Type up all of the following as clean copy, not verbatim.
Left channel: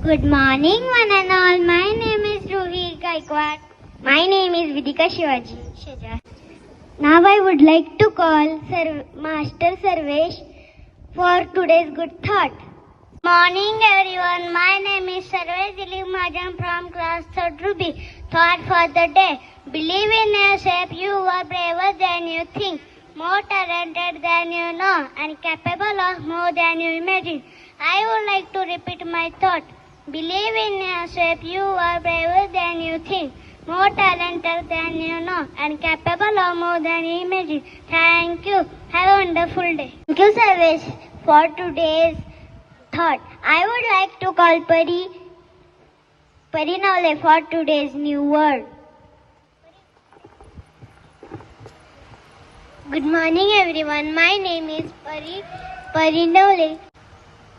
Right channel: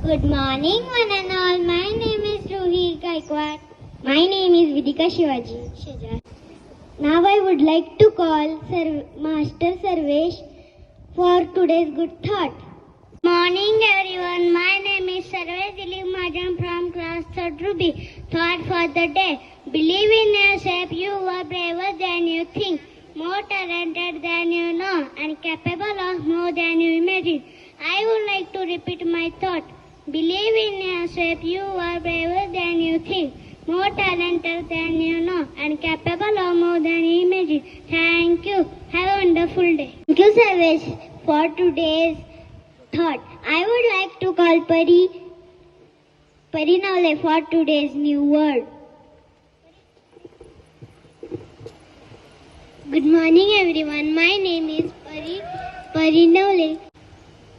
Good morning, one and all. My name is Rohit Gaikwad. My name is Vidika Shivaji Shajar. Now I would like to call Master Sarvesh for today's good thought. Morning everyone. My name is Sarvesh Dilip Majan from class 3rd B. Thought for the day. Believe in yourself. You are braver than you think, more talented than you know, and capable of more than you imagine. I would like to repeat my thought. Believe in yourself. You are braver than you think, more talented than you know, and capable of more than you imagine. Thank you. Have a wonderful day. Thank you, Sarvesh, for today's thought. I would like to call Pari Nole for today's new word. Good morning everyone. My name is Pari Nole.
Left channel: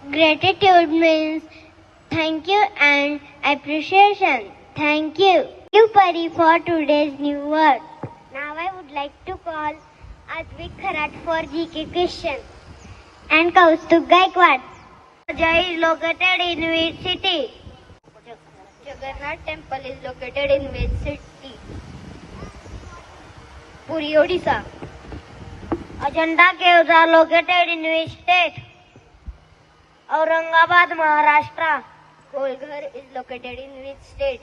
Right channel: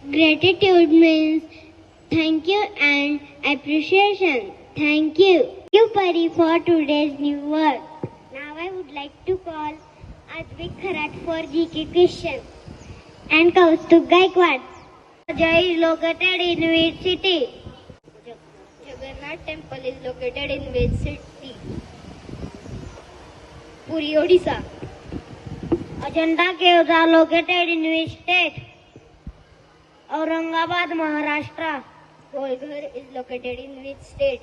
Gratitude means thank you and appreciation. Thank you. Thank you, Pari, for today's new word. Now I would like to call Advik Kharat for GK question and Kaustubh Gaikwad. Ajay is located in which city? Jagannath temple is located in which city? Puri, Odisha. Ajanta caves are located in which state? Aurangabad, Maharashtra. Golghar is located in which state?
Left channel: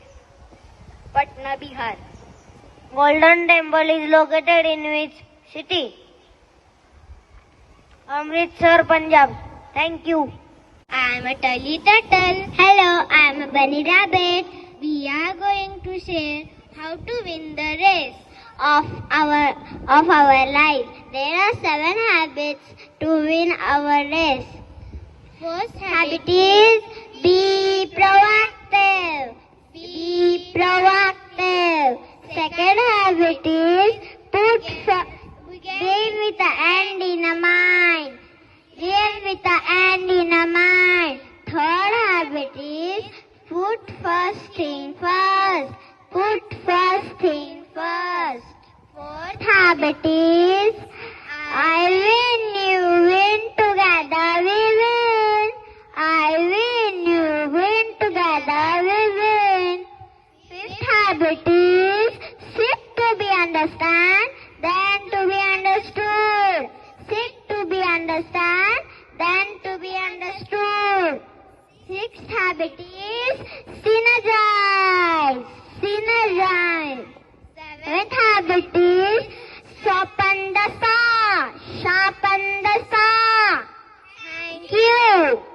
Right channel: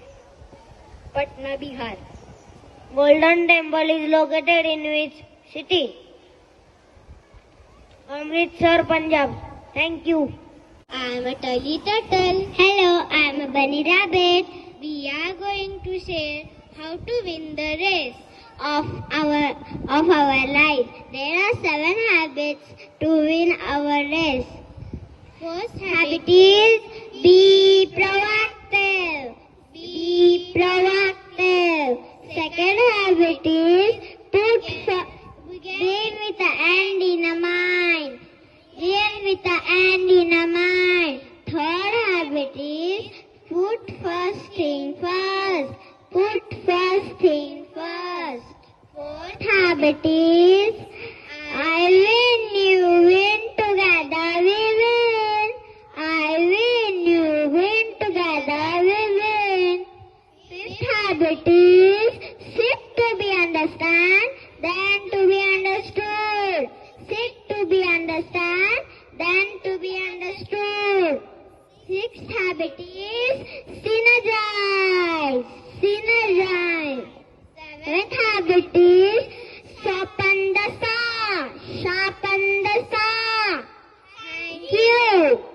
Patna, Bihar. Golden Temple is located in which city? Amritsar, Punjab. Thank you. I am a Tully Turtle. Hello, I am a Bunny Rabbit. We are going to share how to win the race of our life. There are 7 habits to win our race. First habit is be proactive. Be proactive. Second habit is begin with the end in a mind. Begin with the end in a mind. Third habit is put first thing first. Put first thing first. Fourth habit is I win, you win, together we win. I win, you win, together we win. Fifth habit is seek to be understand, then to be understood. Seek to be understand, then to be understood. Sixth habit is synergize. Synergize. Seventh habit is sharpen the saw. Sharpen the saw. Thank you.